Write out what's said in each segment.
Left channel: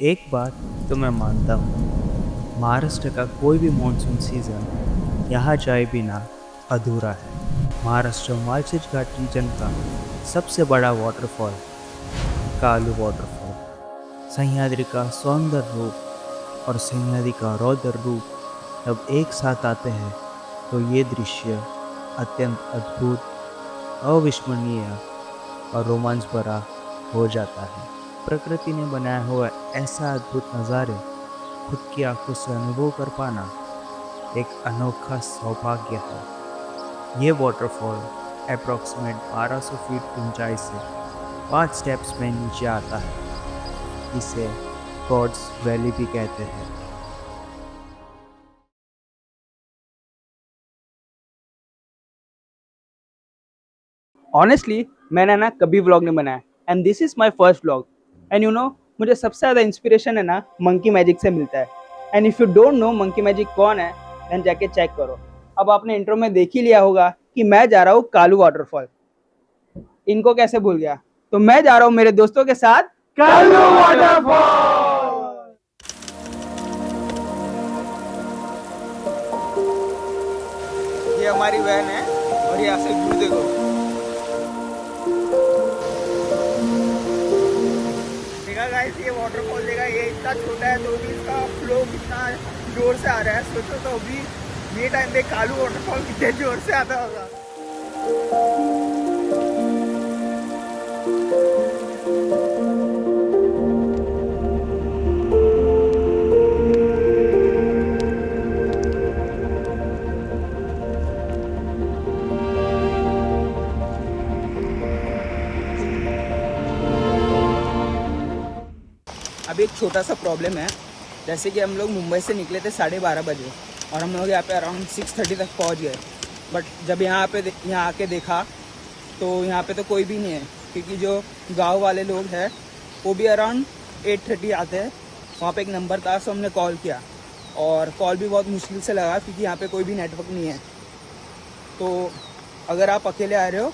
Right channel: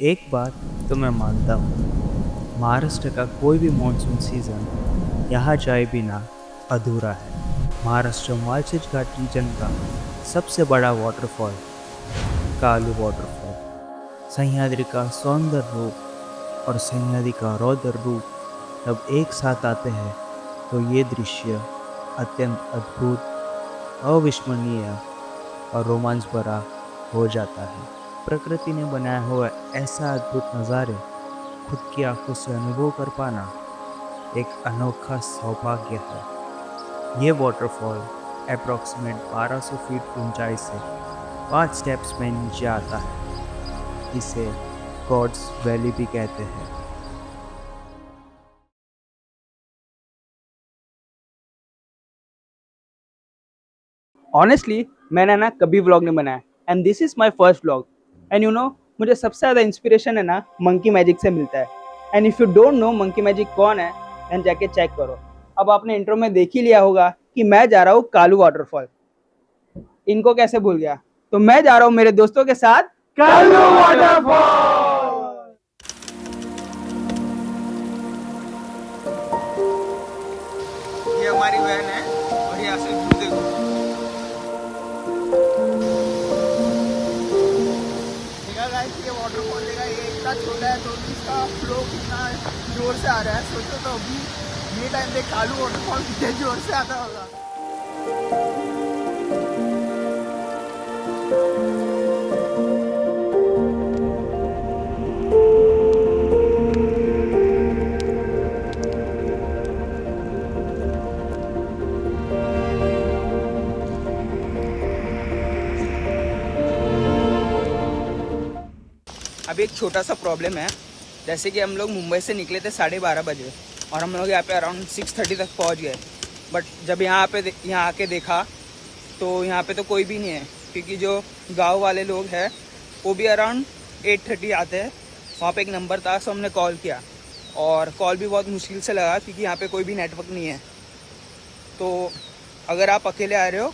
एक बात तो मैं मानता हूँ, महाराष्ट्र का कोई भी मानसून सीज़न यहाँ जाए बिना अधूरा है। महाराष्ट्र मालसेज घाट रीजन का सबसे बड़ा वाटरफॉल कालू वाटरफॉल, सह्याद्री का सौंदर्य रूप और सह्याद्री का रौद्र रूप जब एक साथ आते हैं तो ये दृश्य अत्यंत अद्भुत, अविस्मरणीय और रोमांच भरा हो जाता है। प्रकृति ने बनाया हुआ ऐसा अद्भुत नज़ारे खुद की आंखों से अनुभव कर पाना एक अनोखा सौभाग्य है। ये वाटरफॉल अप्रॉक्सीमेट 1200 फीट की ऊंचाई से 5 स्टेप्स में नीचे आता है। इसे गॉड्स वैली भी कहते हैं। ऑनेस्टली मैंने ना कभी व्लॉग नहीं बनाया and this is my first vlog. And you know मुझे सबसे ज़्यादा इंस्पिरेशन है ना मंकी मैजिक से मिलता है। And if you don't know monkey magic कौन है देन जाके चेक करो। अब आपने इंट्रो में देख ही लिया होगा कि मैं जा रहा हूँ कालू वाटरफॉल। इनको कैसे भूल गया। तो मैं जा रहा हूँ मेरे दोस्तों के साथ कालू वाटरफॉल। ये हमारी वैन है और यहाँ से व्यू देखो। देखा गाइस, ये वाटरफॉल देखा, ये इतना छोटा है तो भी इसका फ्लो कितना जोर से आ रहा है। सोचो तो अभी ये टाइम पे कालू वाटरफॉल कितने जोर से आता होगा। अभी एक छोटा सा प्रॉब्लम है। जैसे कि हम लोग मुंबई से निकले थे 12:30 बजे और हम लोग यहाँ पे अराउंड 6:30 तक पहुँच गए। बट जब यहाँ आके देखा तो यहाँ पे तो कोई भी नहीं है, क्योंकि जो गांव वाले लोग हैं वो भी अराउंड 8:30 आते हैं। वहाँ पे एक नंबर था, सो हमने कॉल किया और कॉल भी बहुत मुश्किल से लगा क्योंकि यहाँ पे कोई भी नेटवर्क नहीं है। तो अगर आप अकेले आ रहे हो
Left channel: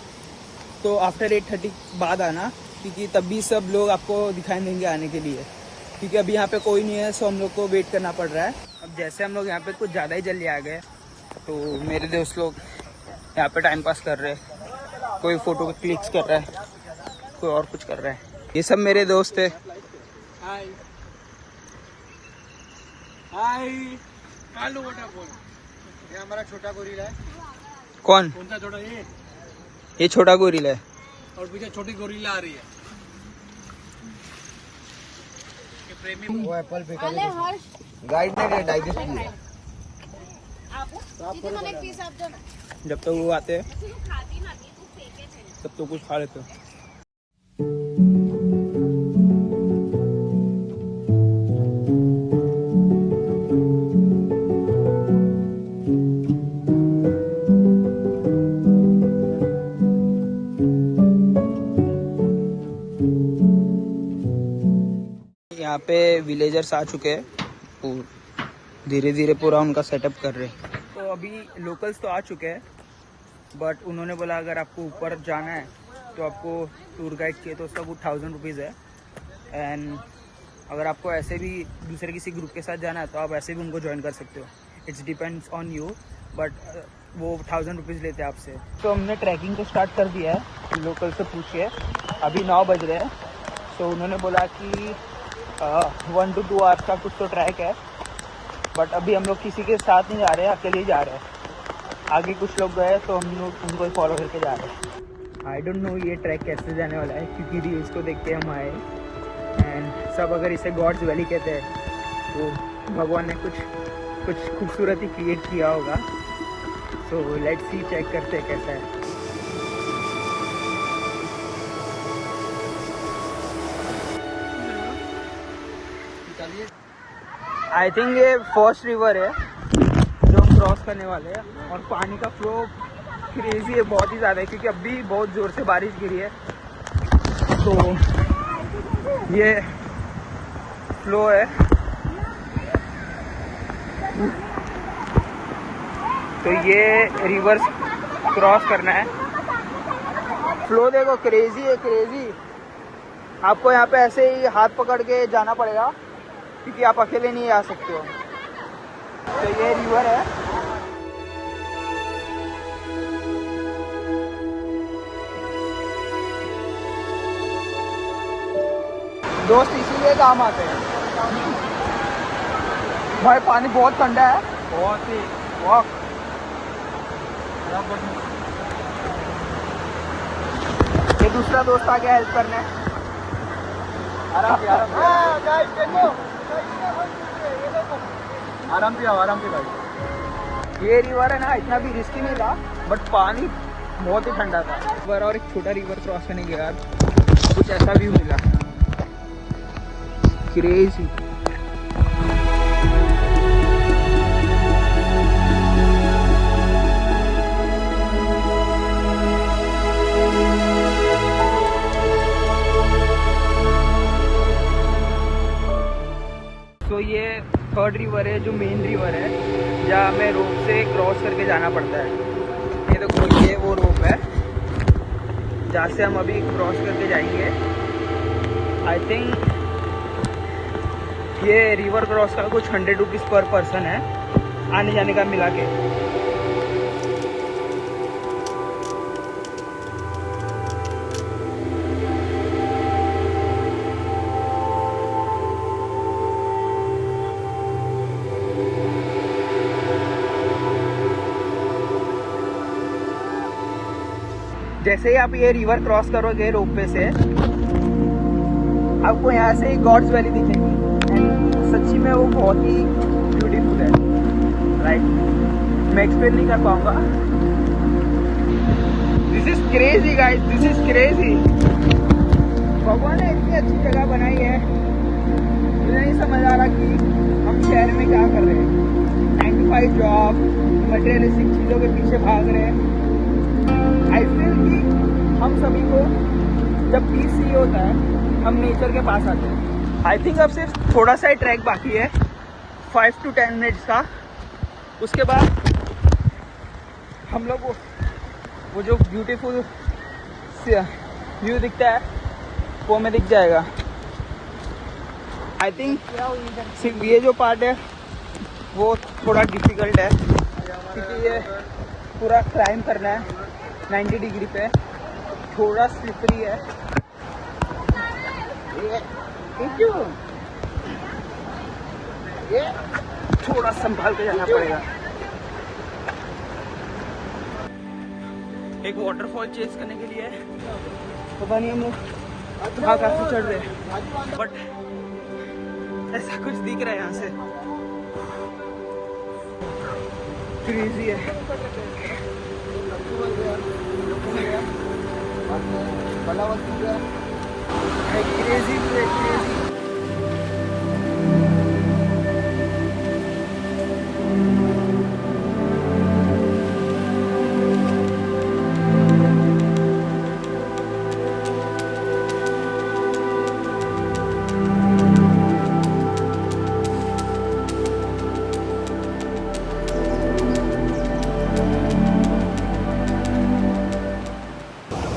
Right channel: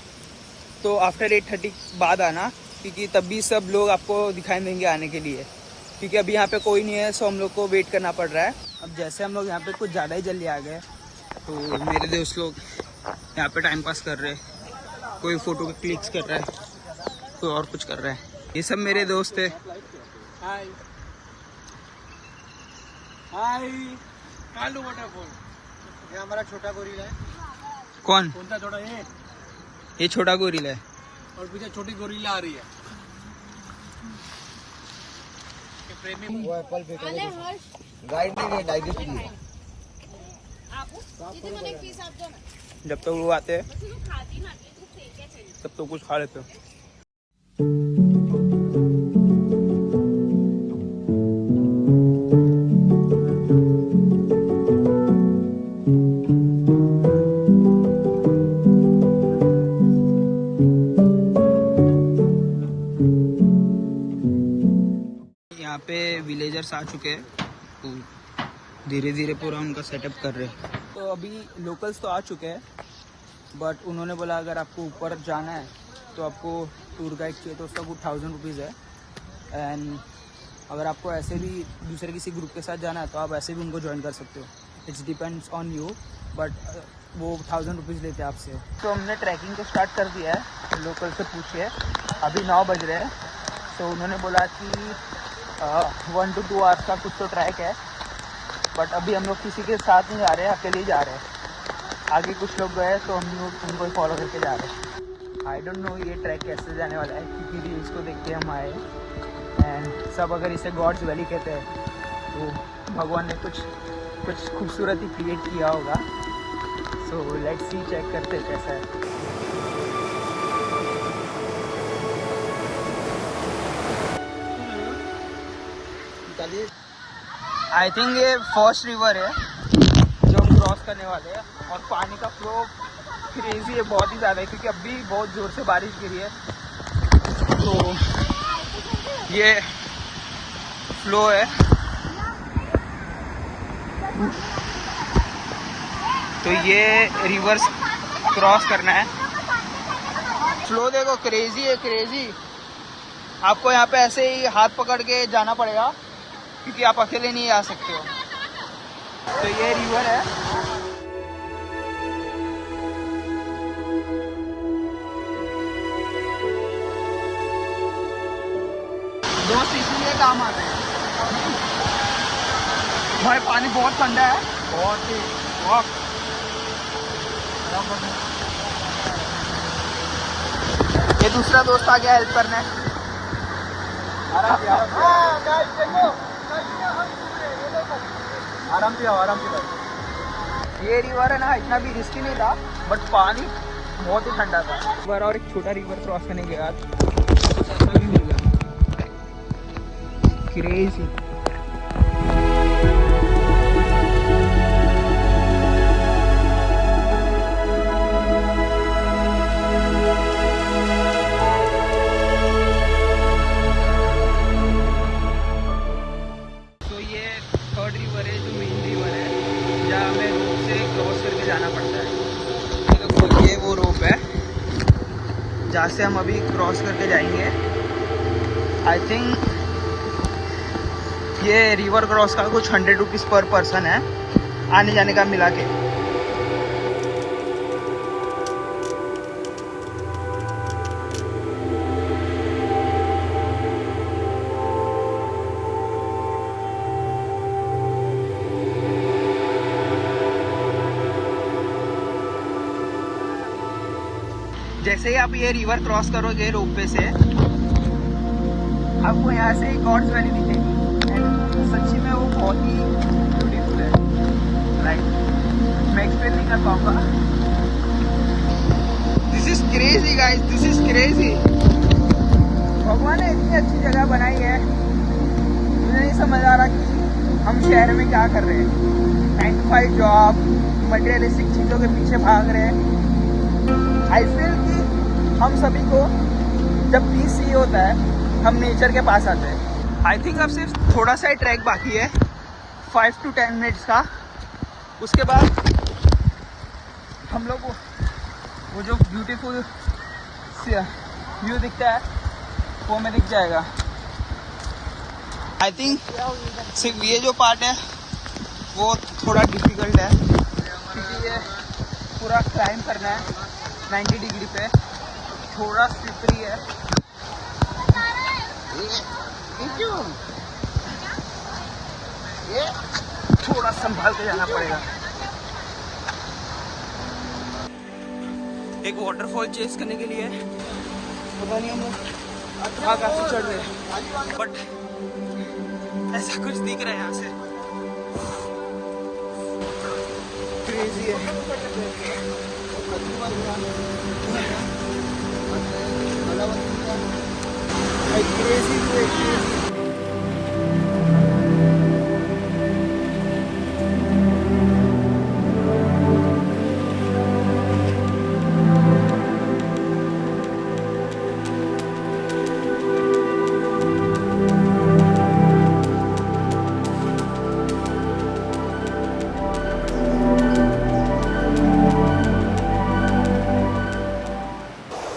तो आफ्टर 8:30 बाद आना, क्योंकि तब भी सब लोग आपको दिखाई देंगे आने के लिए, क्योंकि अभी यहाँ पे कोई नहीं है। सो हम लोग को वेट करना पड़ रहा है। अब जैसे हम लोग यहाँ पे कुछ ज़्यादा ही जल्दी आ गए तो मेरे दोस्त लोग यहाँ पे टाइम पास कर रहे हैं। कोई फ़ोटो क्लिक्स कर रहा है, कोई और कुछ कर रहा है। ये सब मेरे दोस्त है। हाय हाय। कालू वाटरफॉल, ये हमारा छोटा गोरिल्ला है। कौन सा छोटा? ये छोटा गोरिल्ला है और पीछे छोटी गोरिल्ला आ रही है। वो एप्पल फेंका गाइड ने डायरी की है। जब तक वो आते हैं तब तो कुछ खा लेते हो। यहाँ पे विलेजर्स आ चुके हैं, धीरे धीरे पूरा उनका सेटअप कर रहे हैं। तो अभी लोकल्स तो आ चुके हैं, बट उन्होंने बोला अगर आपको ऊपर जाना है तो आपको टूर गाइड चाहिए तो उसका कुछ 1000 रुपीज़ है। एंड अगर आपको ऐसे भी दूसरे किसी ग्रुप के साथ जाना है तो आप ऐसे भी उनको ज्वाइन कर सकते हो। It's depends on you, but वो 1000 रुपीज़ लेते हैं आपसे। तो हमने ट्रैकिंग को स्टार्ट कर दिया है। लोकल से पूछिए, अभी 9 बज रहे हैं। तो उन्होंने बोला कि 1 to 2 आवर्स का कुछ तो ट्रैक है, बट अभी हम लोग किसी के साथ नहीं जा रहे हैं, अकेले ही जा रहे हैं। आगे कुछ लोग गए तो हम लोग उनको ही फॉलो करके जा रहे हैं। आई डोंट नो ये ट्रैक कैसे जाने वाला है, क्योंकि रील्स को देख के हम आए एंड सब अगर इसे गॉड्स वैली कहते हैं तो भगवान ने कुछ खूबसूरती क्रिएट किया होगा। सो लेट्स सी, चेक करते हैं कैसा है। आई थिंक ये फर्स्ट रिवर है जो हम क्रॉस करने वाले हैं और पानी का फ्लो क्रेजी है, बहुत ही ज़्यादा है, क्योंकि अभी बहुत ज़ोर से बारिश गिरी है। तो ये फ्लो है। तो ये रिवर्स क्रॉस करना है। फ्लो देखो, क्रेजी है, क्रेजी। आपको यहाँ पे ऐसे ही हाथ पकड़ के जाना पड़ेगा क्योंकि आप अकेले नहीं आ सकते हो। तो ये रिवर है। दोस्त इसीलिए काम आते हैं। भाई पानी बहुत ठंडा है, बहुत ही। ये दूसरा दोस्त आ गया हेल्प करने। आराम से भाई। ये रिवर है ना, इतना भी रिस्की नहीं था, बट पानी बहुत ही ठंडा था। रिवर और एक छोटा रिवर क्रॉस करने के बाद कुछ ऐसा व्यू मिला, क्रेजी। तो ये थर्ड रिवर है, जो मेन रिवर है, जहाँ हमें रोप से क्रॉस करके जाना पड़ता है। ये तो खुलिए वो रोप है जहाँ से हम अभी क्रॉस करके जाएंगे। आई थिंक ये रिवर क्रॉस का कुछ 100 रुपीज़ पर पर्सन है, आने जाने का मिला के। जैसे ही आप ये रिवर क्रॉस करोगे रोपवे से, आपको यहाँ से गॉड्स वैली दिखेगी। एंड सच्ची में वो बहुत ही ब्यूटीफुल है, राइट? मैं एक्सप्लेन नहीं कर पाऊंगा। This is crazy guys, this is crazy. भगवान ने इतनी अच्छी जगह बनाई है, मुझे नहीं समझ आ रहा कि हम शहर में क्या कर रहे हैं। 9 to 5 जॉब, मटेरियलिस्टिक चीज़ों के पीछे भाग रहे हैं। आई फील कि हम सभी को जब पीस चाहिए होता है, हम नेचर के पास आते हैं। आई थिंक अब सिर्फ थोड़ा सा ही ट्रैक बाकी है, 5 to 10 मिनट्स का। उसके बाद हम लोग वो जो ब्यूटीफुल व्यू दिखता है वो हमें दिख जाएगा। आई थिंक सिर्फ ये जो पार्ट है वो थोड़ा डिफिकल्ट है, क्योंकि ये पूरा क्लाइंब करना है 90 डिग्री पे, थोड़ा स्लिपरी है। ये थोड़ा संभाल के जाना पड़ेगा। एक वाटरफॉल चेस करने के लिए पता नहीं हम लोग कहाँ काफी चढ़ रहे, बट ऐसा कुछ दिख रहा है यहाँ से। क्रेजी है। क्रेजी भी है, क्रेजी।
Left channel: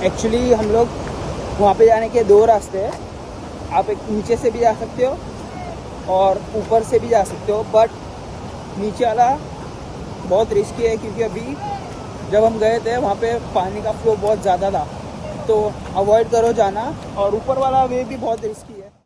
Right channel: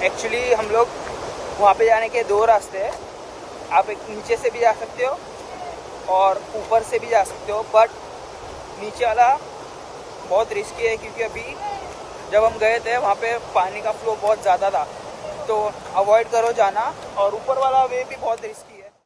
एक्चुअली हम लोग वहाँ पे जाने के 2 रास्ते हैं। आप एक नीचे से भी जा सकते हो और ऊपर से भी जा सकते हो, बट नीचे वाला बहुत रिस्की है, क्योंकि अभी जब हम गए थे वहाँ पे पानी का फ्लो बहुत ज़्यादा था, तो अवॉइड करो जाना। और ऊपर वाला वे भी बहुत रिस्की है।